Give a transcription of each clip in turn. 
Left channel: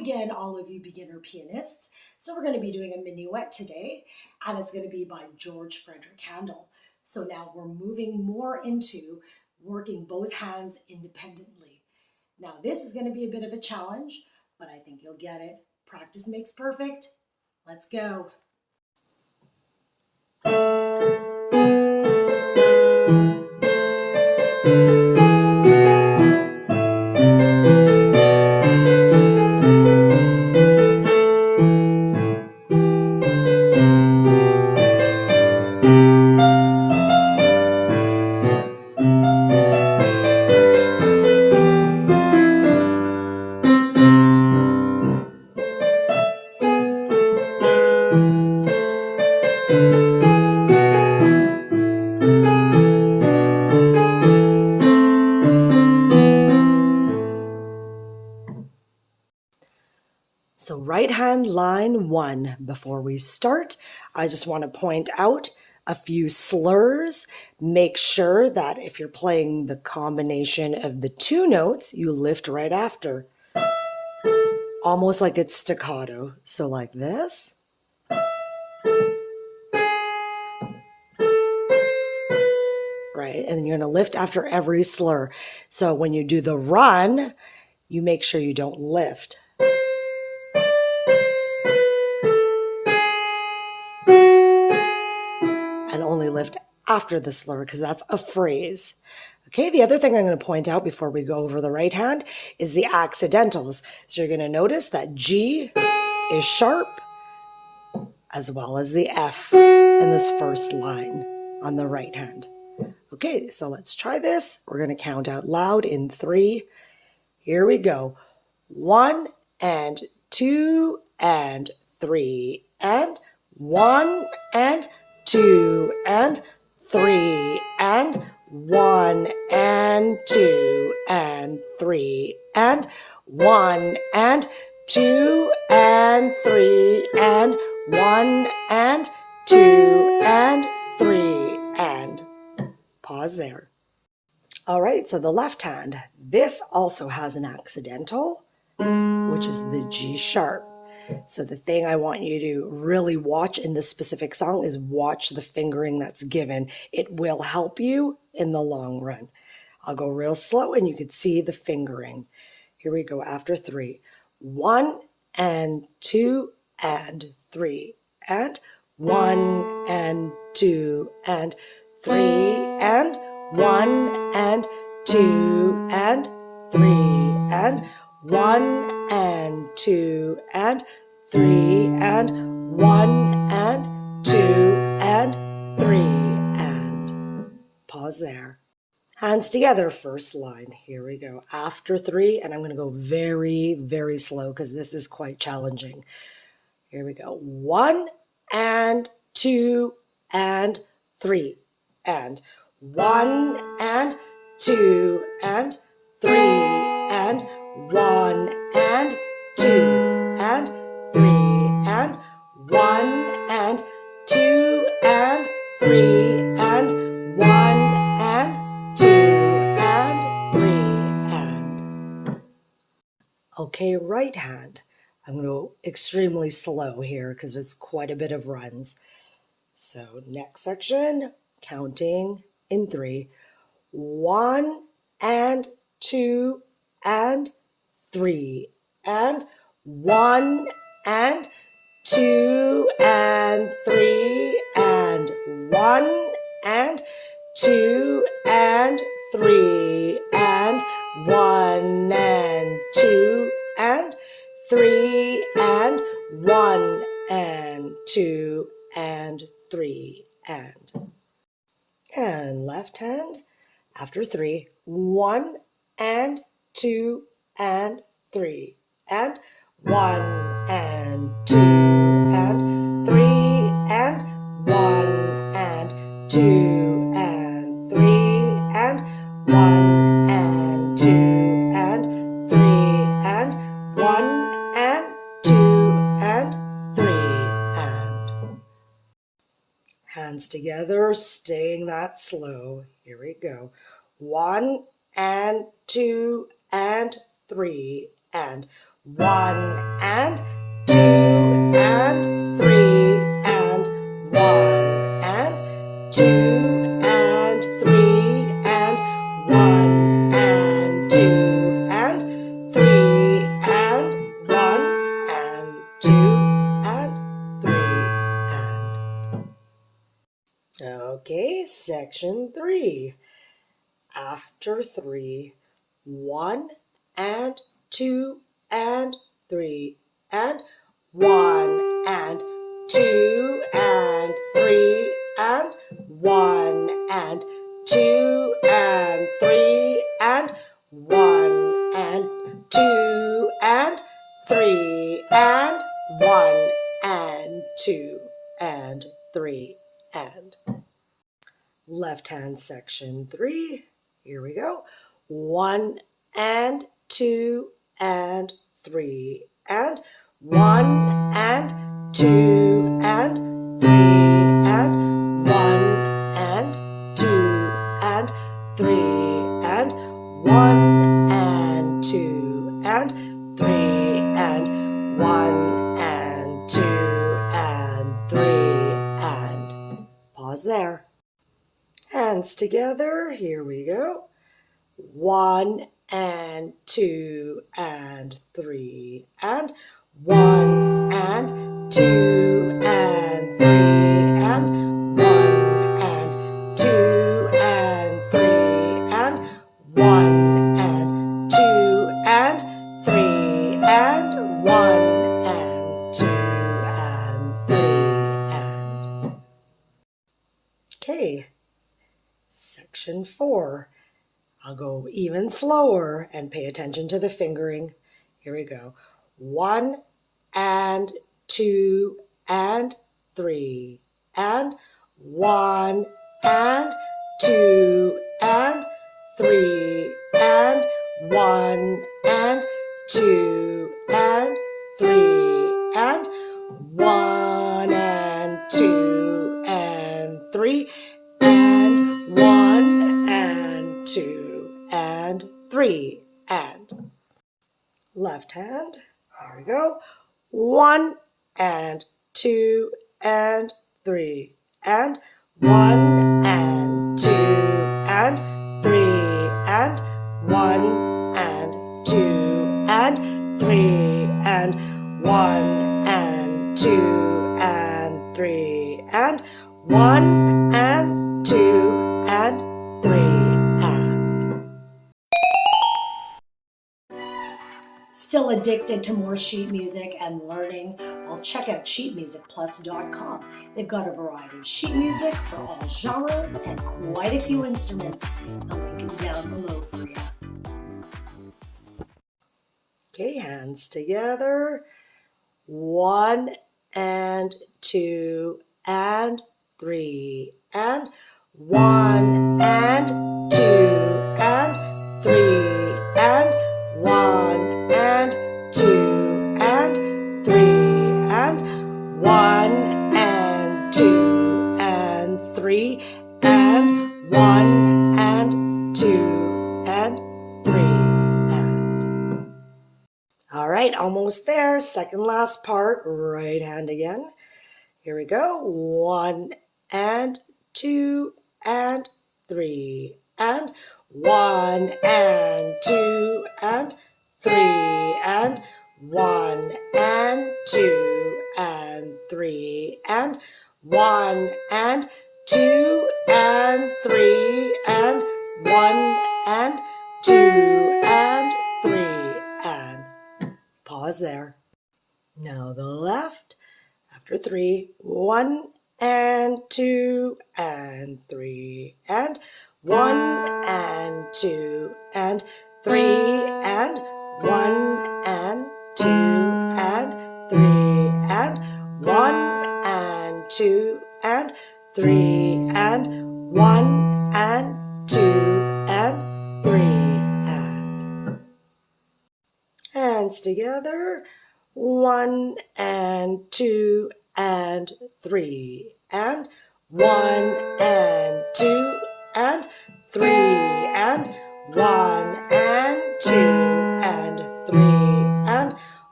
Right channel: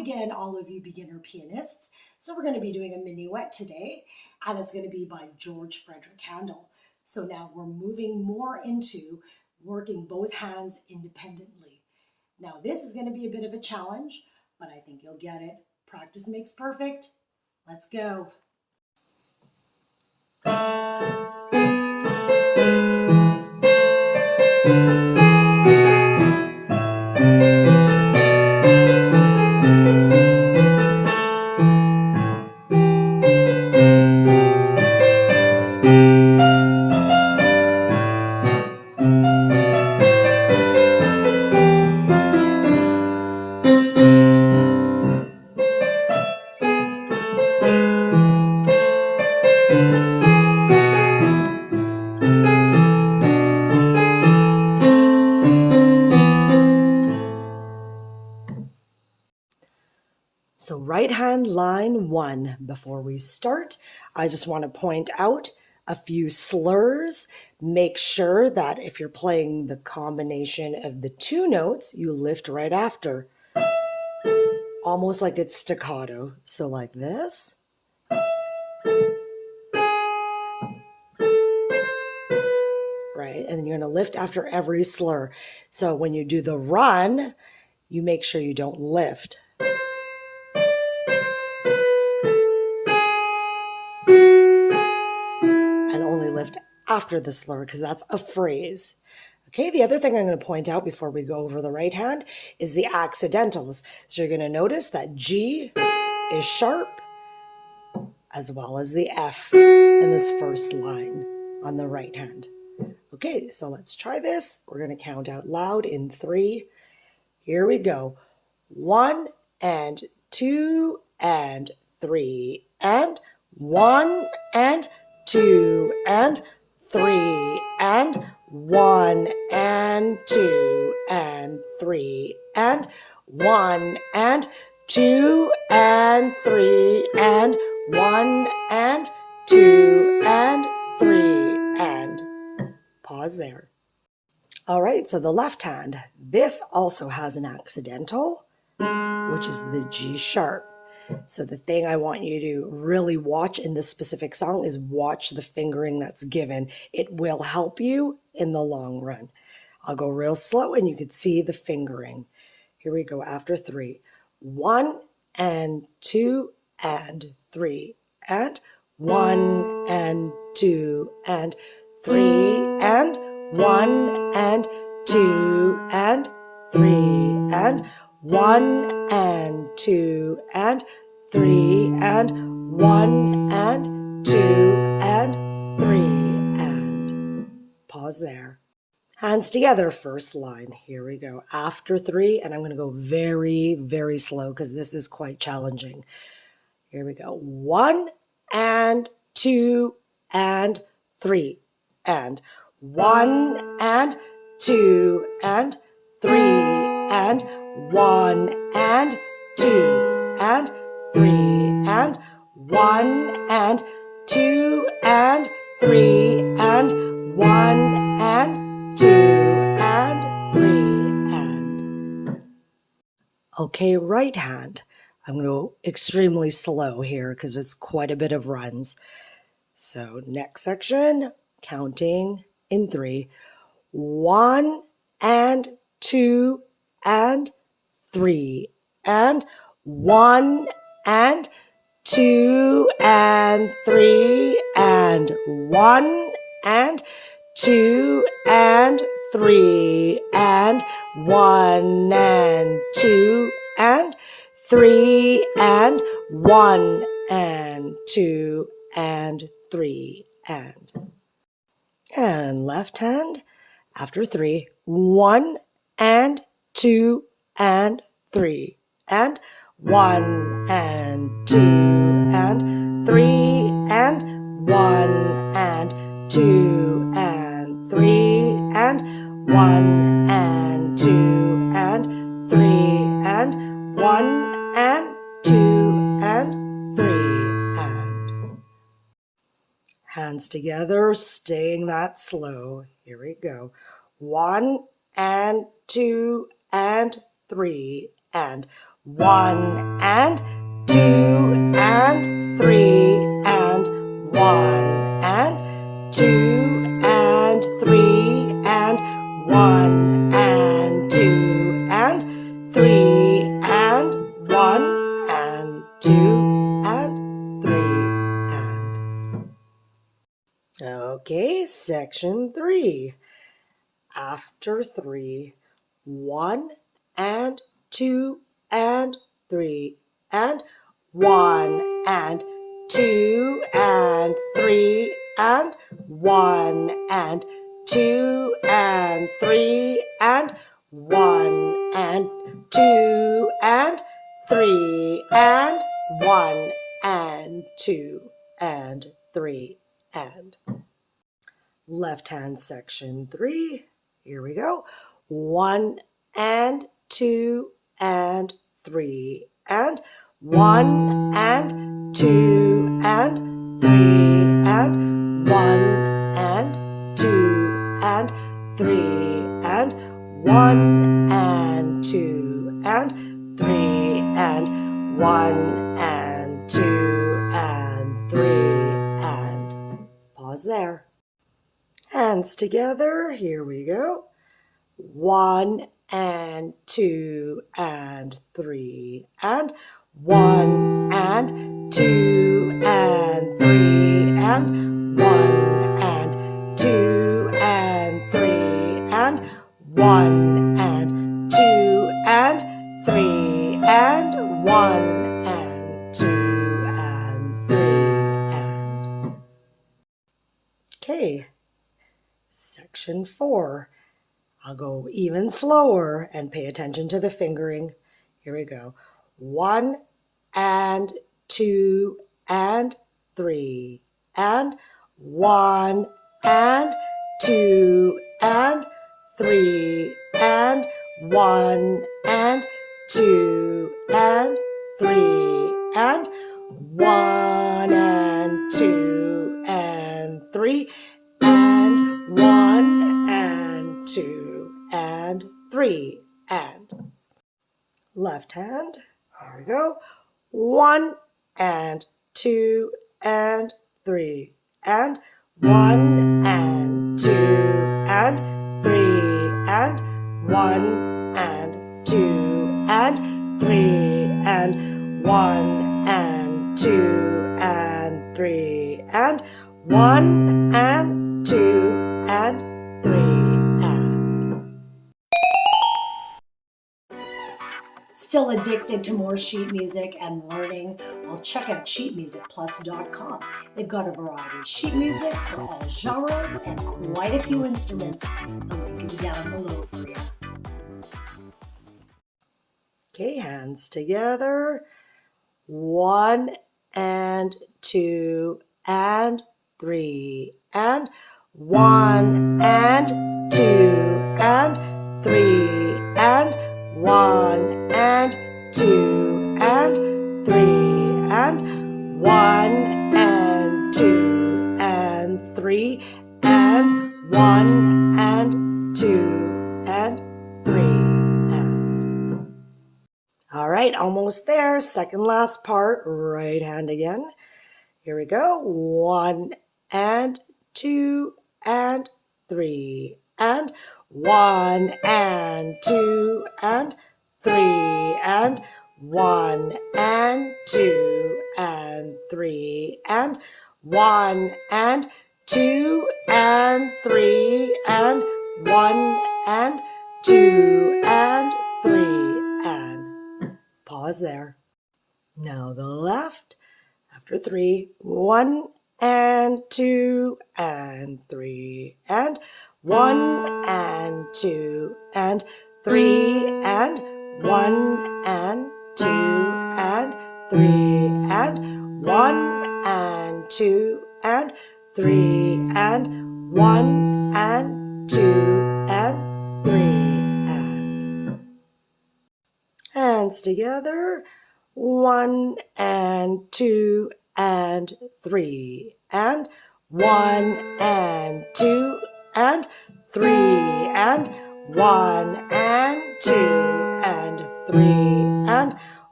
again, all of you beginner pianists. So we're going to be doing a minuet today, and it's going to be by George Frederick Handel. So now we're moving more into working both hands independently. Now this is going to be a bit of a challenge, but I think you'll get it. Practice makes perfect. Let's go. So right hand line 1. Before we start, I just want to point out a few slurs. Make sure that if you're playing the combination of the two notes, you lift right after. Almost like it's staccato. So like this. Right, and then you're going to lift after every slur. So when you do the run, you make sure you don't lift. And only lift after the slur because that's a phrase. Okay, the other thing I'm going to point out before we go over the right hand is the accidentals. So you're going to notice that G is sharp as well as the F in this first line on the right hand. Okay, so let's try this. We're going to count out loud in 3. Here we go. 1 and 2 and 3 and 1 and 2 and 3 and 1 and 2 and 3 and 1 and 2 and 3 and 1 and 2 and 3 and pause there. All right, so the left hand, this also has an accidental, which is the G sharp. So the thing I want you to really watch in this specific song is watch the fingering that's given. It will help you in the long run. I'll go real slow and you can see the fingering. Here we go after 3. 1 and 2 and 3 and 1 and 2 and 3 and 1 and 2 and 3 and 1 and 2 and 3 and 1 and 2 and 3 and pause there. Hands together, first line. Here we go. After 3, and I'm going to go very, very slow because this is quite challenging. Here we go. 1 and 2 and 3 and 1 and 2 and 3 and 1 and 2 and 3 and 1 and 2 and 3 and 1 and 2 and 3 and. Okay, right hand. I'm going to go extremely slow here because it's quite a bit of runs. So next section, counting in 3. 1 and 2 and 3 and 1 and 2 and 3 and 1 and 2 and 3 and 1 and 2 and 3 and 1 and 2 and 3 and left hand after 3. 1 and 2 and 3 and 1 and 2 and 3 and 1 and 2 and 3 and 1 and 2 and 3 and 1 and 2 and 3 and hands together, staying that slow. Here we go. 1 and 2 and 3 and 1 and 2 and 3 and 1 and 2 and 3 and 1 and 2 and 3 and 1 and 2 and 3 and. Okay, section 3. After 3, 1 and 2 and 3 and 1 and 2 and 3 and 1 and 2 and 3 and 1 and 2 and 3 and 1 and 2 and 3 and. Left hand section 3. Here we go. 1 and 2 and 3 and 1 and 2 and 3 and 1 and 2 and 3 and 1 and 2 and 3 and 1 and 2 and 3 and. Pause there. Hands together, here we go. 1 and 2 and 3 and 1 and 2 and 3 and 1 and 2 and 3 and 1 and 2 and 3 and 1 and 2 and 3 and. Okay. Section 4. I'll go even slower and pay attention to the fingering. Here we go. 1 and 2 and 3 and 1 and 2 and 3 and 1 and 2 and 3 and 1 and 2 and 3 and 1 and 2 and 3 and. Left hand, here we go. 1 and 2 and 3 and 1 and 2 and 3 and 1 and 2 and 3 and 1 and 2 and 3 and 1 and 2 and 3 and. Still addicted to more sheet music and learning? Well, check out sheetmusicplus.com. They've got a variety of sheet music for all genres and quite a few instruments. The link is down below for you. Okay, hands together. 1 and 2 and 3 and 1 and 2 and 3 and 1 and 2 and 3 and 1 and 2 and 3 and 1 and 2 and 3 and. All right, almost there. Second last part, right hand again. Here we go. 1 and 2 and 3 and 1 and 2 and 3 and 1 and 2 and 3 and 1 and 2 and 3 and 1 and 2 and 3 and. Pause there. Now the left. After 3, 1 and 2 and 3 and 1 and 2 and 3 and 1 and 2 and 3 and 1 and 2 and 3 and 1 and 2 and 3 and. Hands together. 1 and 2 and 3 and 1 and 2 and 3 and 1 and 2 and 3 and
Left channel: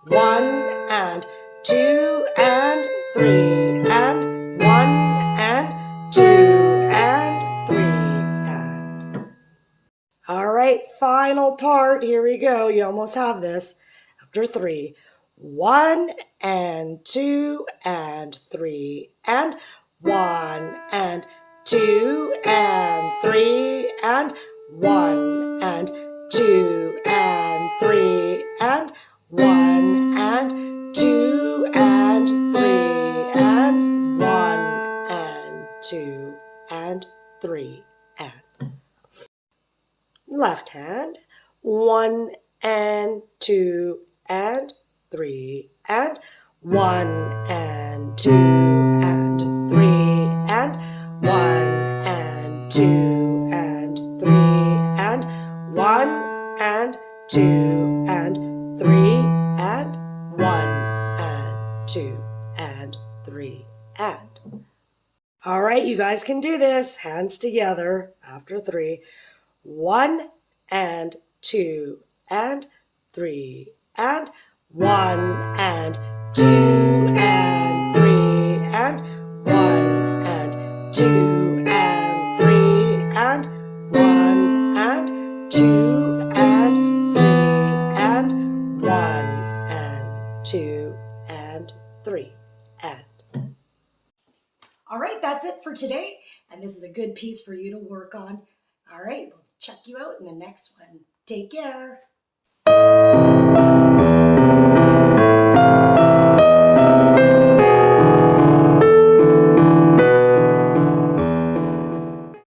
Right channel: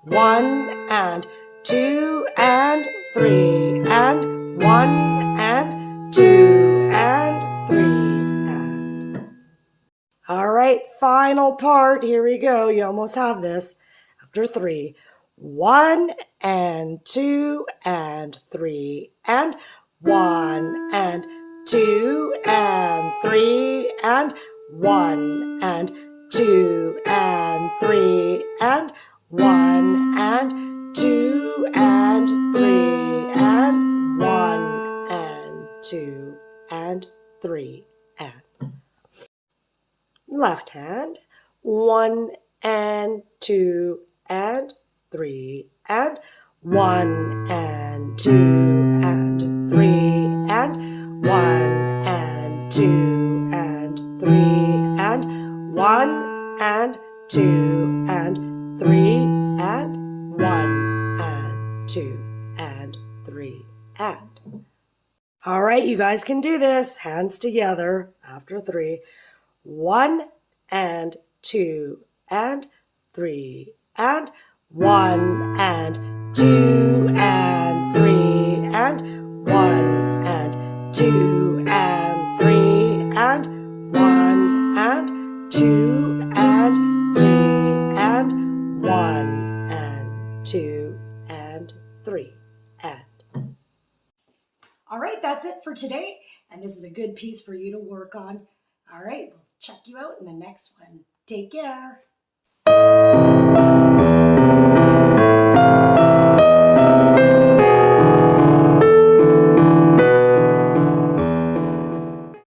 1 and 2 and 3 and 1 and 2 and 3 and. All right, final part. Here we go. You almost have this. After 3. 1 and 2 and 3 and 1 and 2 and 3 and 1 and 2 and 3 and 1 and 2 and 3 and 1 and 2 and 3 and. Left hand, 1 and 2 and 3 and 1 and 2 and 3 and 1 and 2 and 3 and 1 and 2 and 3 and 1 and 2 and 3 and. All right, you guys can do this. Hands together after 3. 1 and 2 and 3 and 1 and 2 and 3 and 1 and 2 and 3 and 1 and 2 and 3 and 1 and 2 and 3 and. All right, that's it for today, and this is a good piece for you to work on. All right, we'll check you out in the next one. Take care.